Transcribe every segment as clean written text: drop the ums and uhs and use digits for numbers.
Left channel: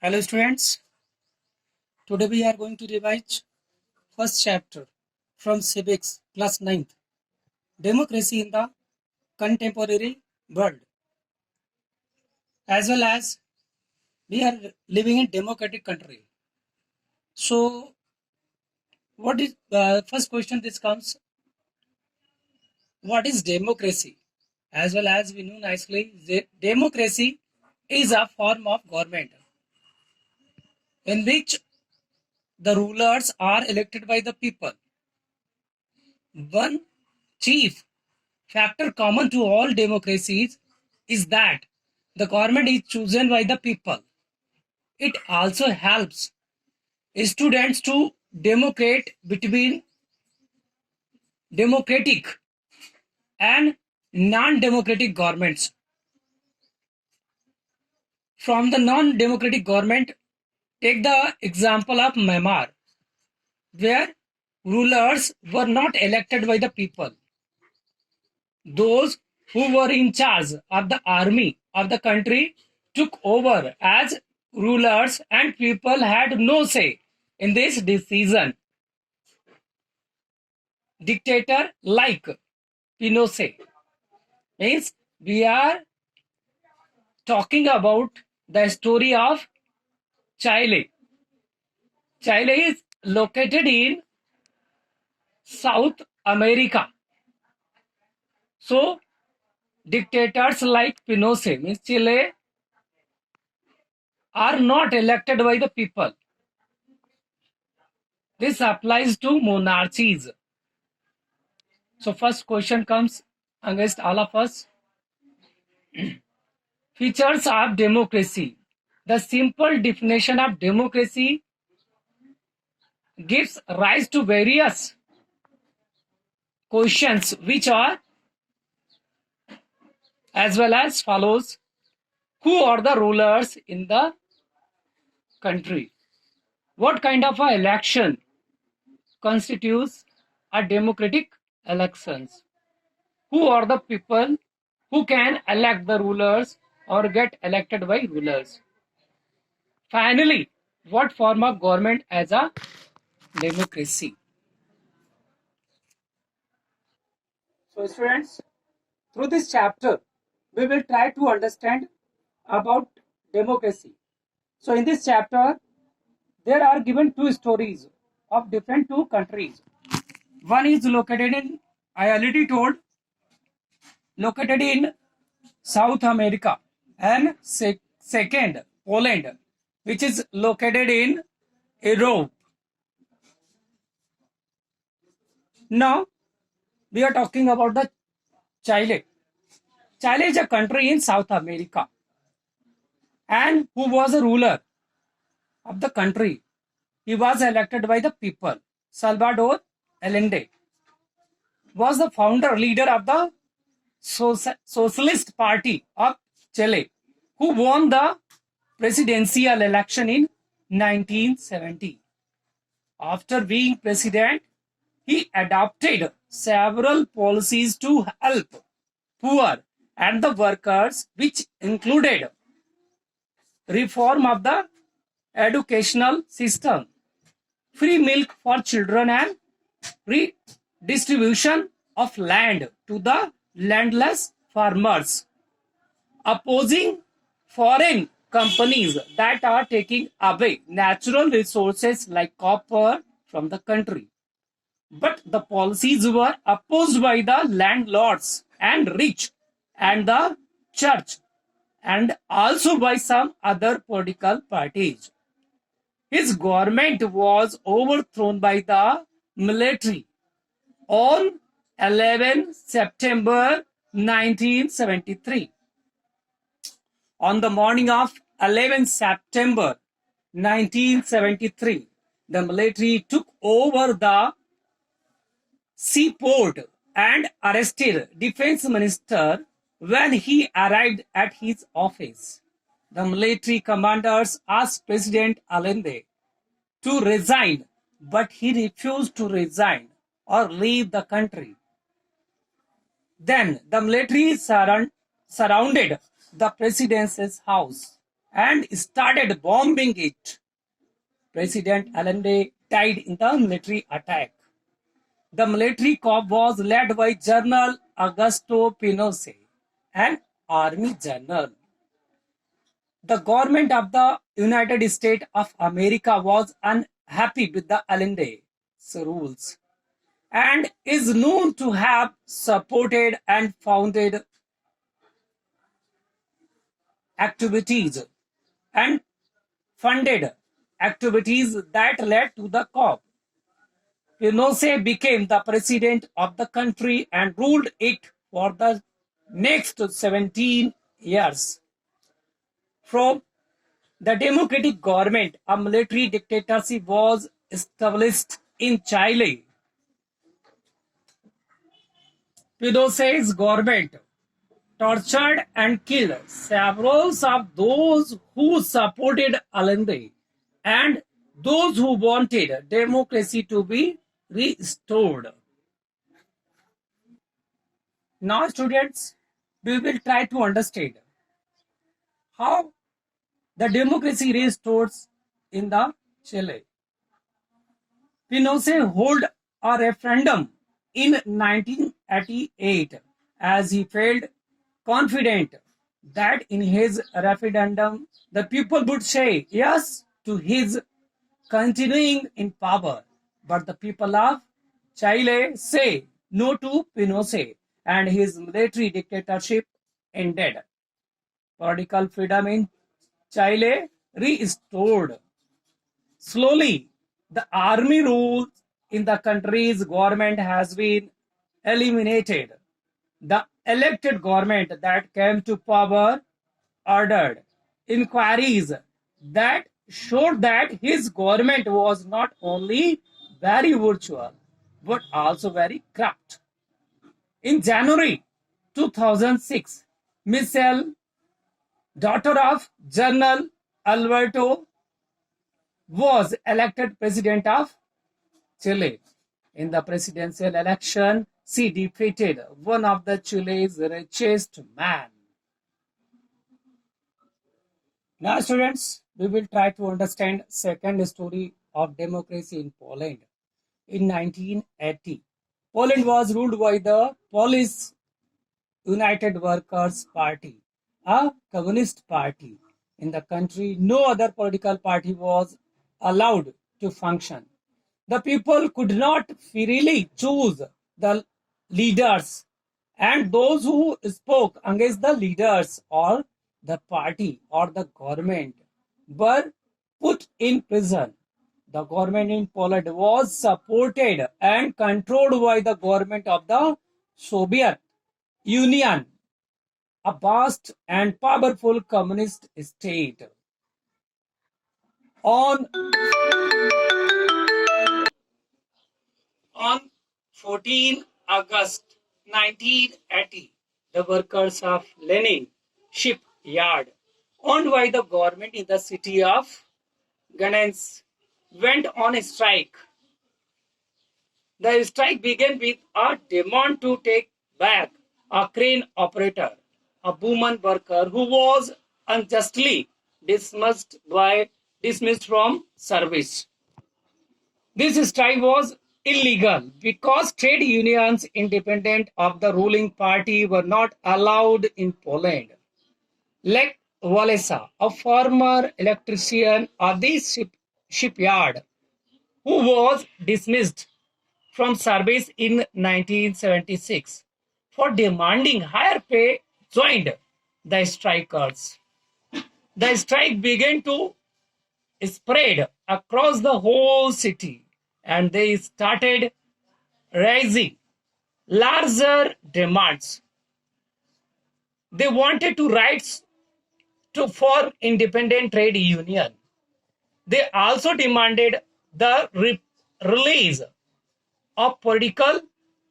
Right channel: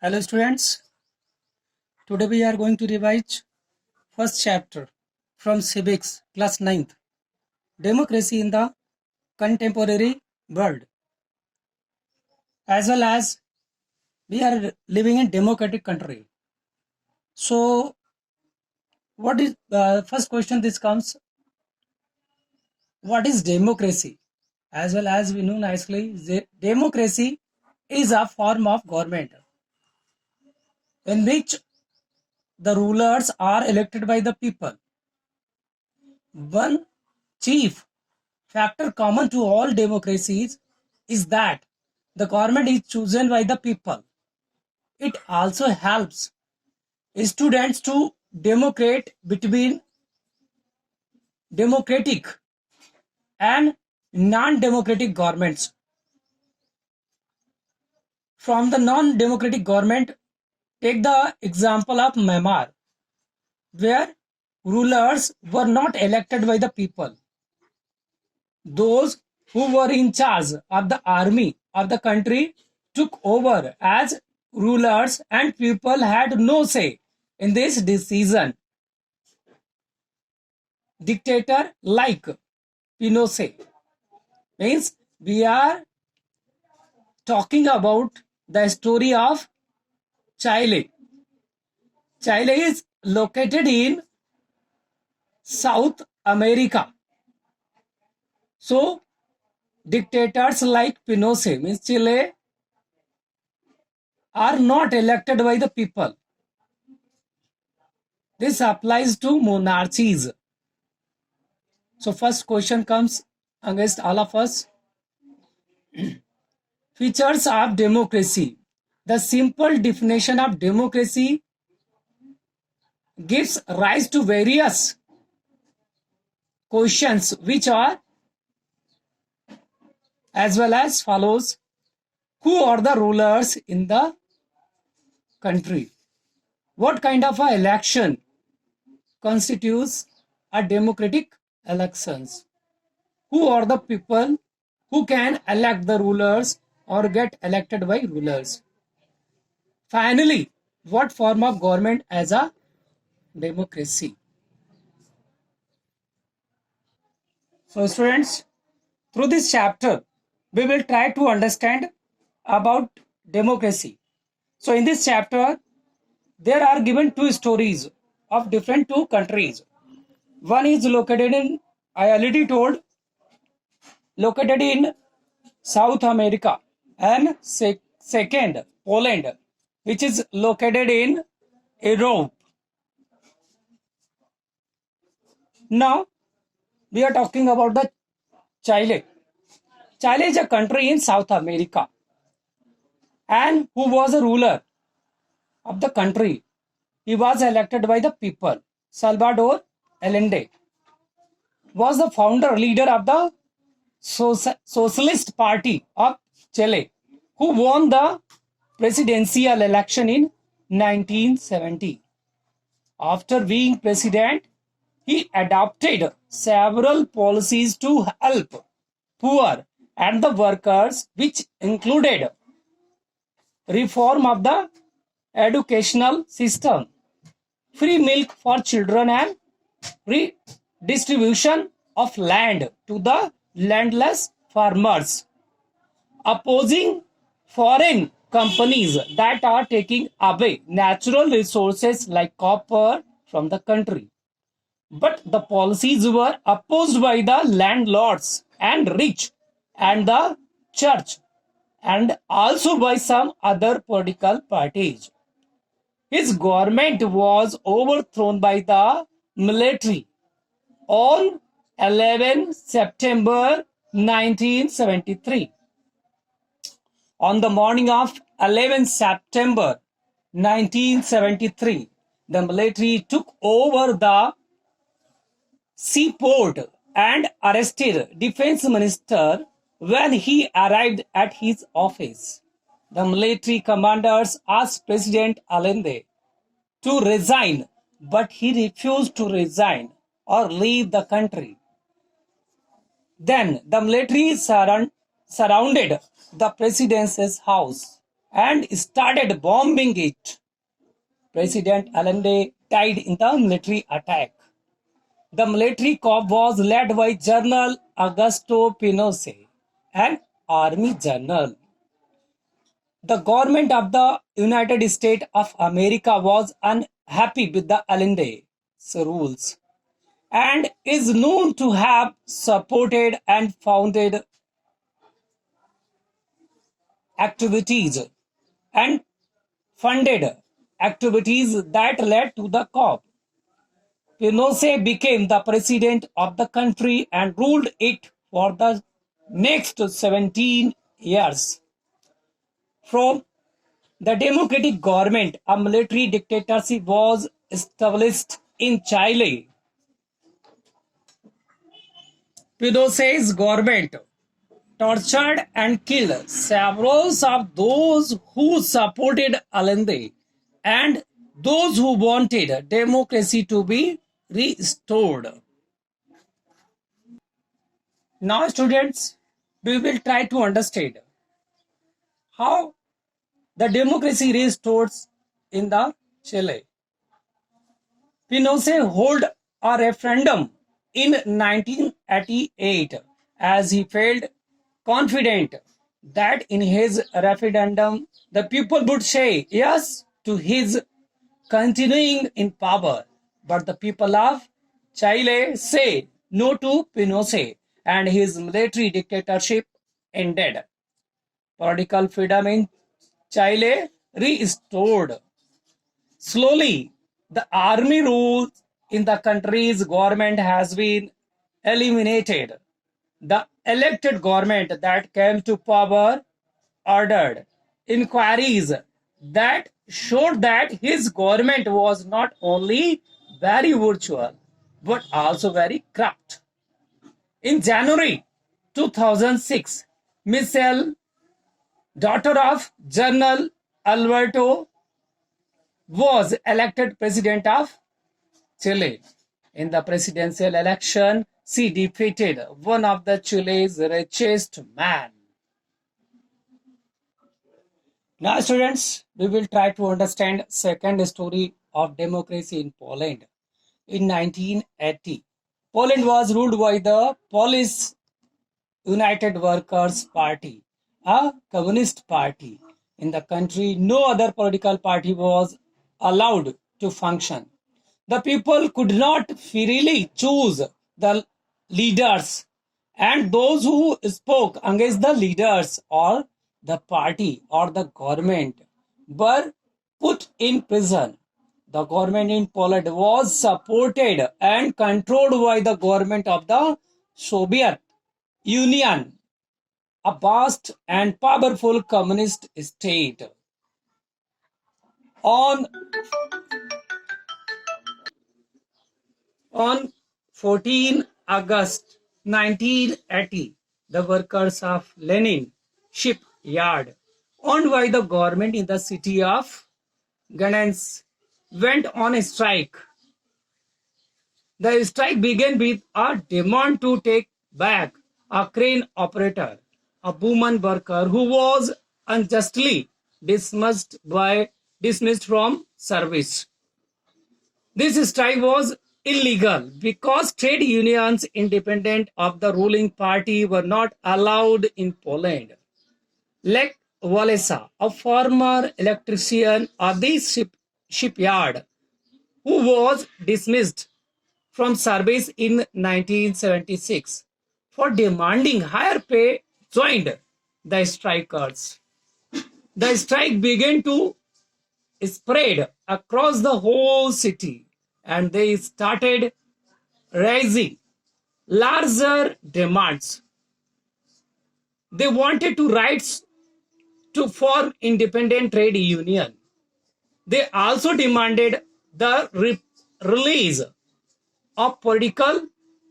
Hello students, today we are going to revise first chapter from civics class 9th, democracy in the contemporary world. As well as we are living in democratic country. So what is the first question this comes, what is democracy? As well as we know nicely, democracy is a form of government in which the rulers are elected by the people. One chief factor common to all democracies is that the government is chosen by the people. It also helps students to democrate between democratic and non-democratic governments. From the non-democratic government, take the example of Myanmar, where rulers were not elected by the people. Those who were in charge of the army of the country took over as rulers, and people had no say in this decision. Dictator like Pinochet means we are talking about the story of Chile. Chile is located in South America. So dictators like Pinochet means Chile are not elected by the people. This applies to monarchies. So first question comes against all of us. Features of democracy. The simple definition of democracy gives rise to various questions which are as well as follows. Who are the rulers in the country? What kind of a election constitutes a democratic elections? Who are the people who can elect the rulers or get elected by rulers? Finally, what form of government as a democracy? So students, through this chapter, we will try to understand about democracy. So in this chapter, there are given two stories of different two countries. One is located in, I already told, located in South America, and second, Poland, which is located in Europe. Now, we are talking about the Chile. Chile is a country in South America, and who was a ruler of the country. He was elected by the people. Salvador Allende was the founder leader of the Socialist Party of Chile, who won the presidential election in 1970. After being president, he adopted several policies to help poor and the workers, which included reform of the educational system, free milk for children, and redistribution of land to the landless farmers, opposing foreign companies that are taking away natural resources like copper from the country. But the policies were opposed by the landlords and rich and the church, and also by some other political parties. His government was overthrown by the military on 11 September 1973. On the morning of 11 September 1973, the military took over the seaport and arrested defense minister when he arrived at his office. The military commanders asked President Allende to resign, but he refused to resign or leave the country. Then the military surrounded the president's house and started bombing it. President Allende died in the military attack. The military coup was led by General Augusto Pinochet, an army general. The government of the United States of America was unhappy with the Allende's rules and is known to have supported and founded activities and funded activities that led to the coup. Pinochet became the president of the country and ruled it for the next 17 years. From the democratic government, a military dictatorship was established in Chile. Pinochet's government tortured and killed several of those who supported Allende and those who wanted democracy to be restored. Now, students, we will try to understand how the democracy restored in the Chile. Pinochet held a referendum in 1988 as he felt confident that in his referendum the people would say yes to his continuing in power. But the people of Chile say no to Pinochet and his military dictatorship ended. Political freedom in Chile restored. Slowly, the army rule in the country's government has been eliminated. The elected government that came to power ordered inquiries that showed that his government was not only very virtual but also very corrupt. In January 2006, Michelle, daughter of General Alberto, was elected president of Chile. In the presidential election, she defeated one of the Chile's richest men. Now, students, we will try to understand second story of democracy in Poland. In 1980, Poland was ruled by the Polish United Workers' Party, a communist party. In the country, no other political party was allowed to function. The people could not freely choose the leaders, and those who spoke against the leaders or the party or the government were put in prison. The government in Poland was supported and controlled by the government of the Soviet Union, a vast and powerful communist state. On On 14 August 1980, the workers of Lenin shipyard, owned by the government in the city of Gdansk, went on a strike. The strike began with a demand to take back a crane operator, a woman worker who was unjustly dismissed from service. This strike was illegal because trade unions independent of the ruling party were not allowed in Poland. Lech Walesa, a former electrician of the shipyard, who was dismissed from service in 1976 for demanding higher pay, joined the strikers. The strike began to spread across the whole city, and they started raising larger demands. They wanted to rights to form independent trade union. They also demanded the release of political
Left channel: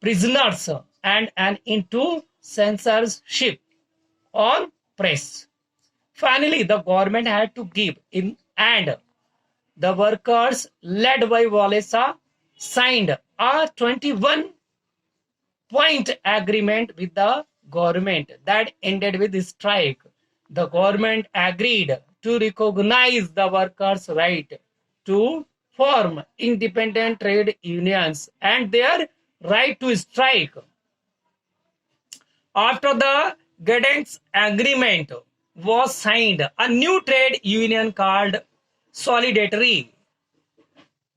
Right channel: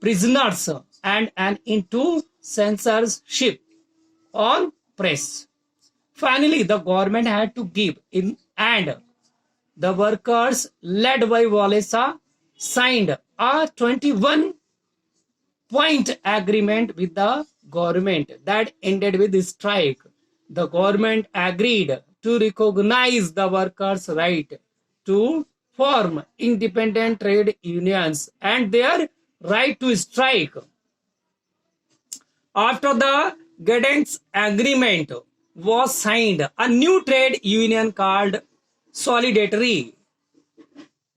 prisoners and an end to censorship on press. Finally, the government had to give in, and the workers, led by Walesa, signed a 21-point agreement with the government that ended with the strike. The government agreed to recognize the workers' right to form independent trade unions and their right to strike. After the Gdansk Agreement was signed, a new trade union called Solidarity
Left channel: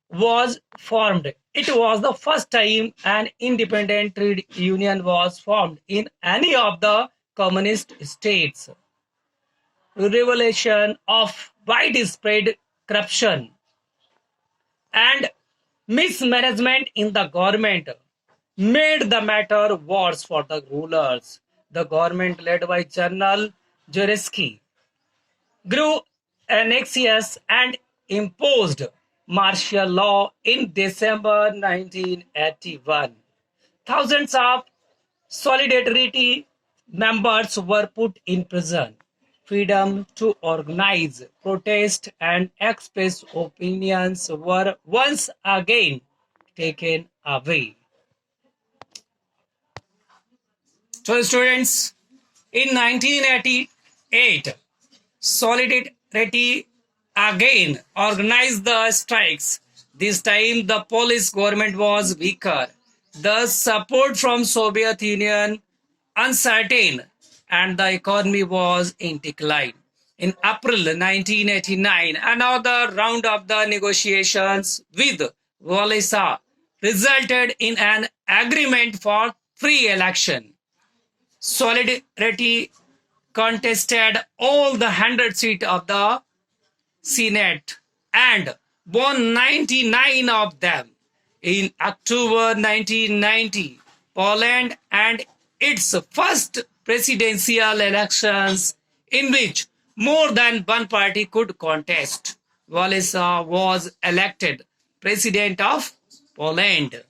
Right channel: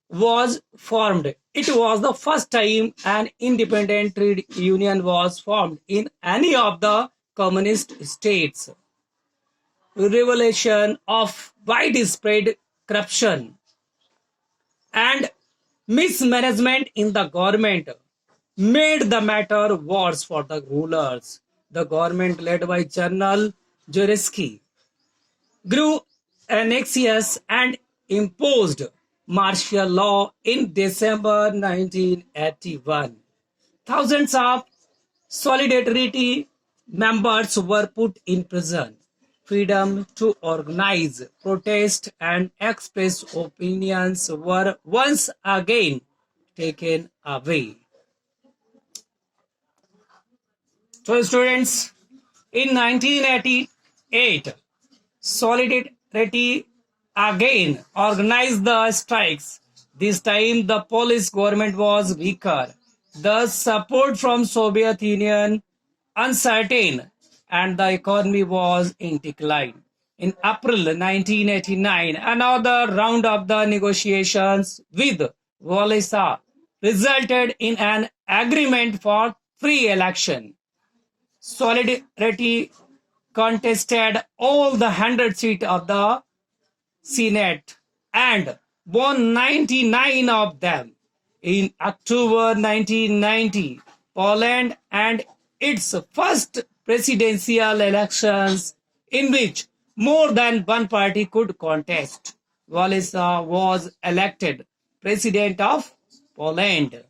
was formed. It was the first time an independent trade union was formed in any of the communist states. Revelation of widespread corruption and mismanagement in the government made the matter worse for the rulers. The government led by General Jureski grew anxious and imposed martial law in December 1981. Thousands of Solidarity members were put in prison. Freedom to organize, protest, and express opinions were once again taken away. So, students, in 1988, Solidarity again organized the strikes. This time the Polish government was weaker. The support from Soviet Union uncertain and the economy was in decline. In April 1989, another round of the negotiations with Wałęsa resulted in an agreement for free election. Solidarity contested all the 100 seats of the Senate and won 99 of them. In October 1990, Poland and its first presidential elections in which more than one party could contest. Wałęsa was elected president of Poland.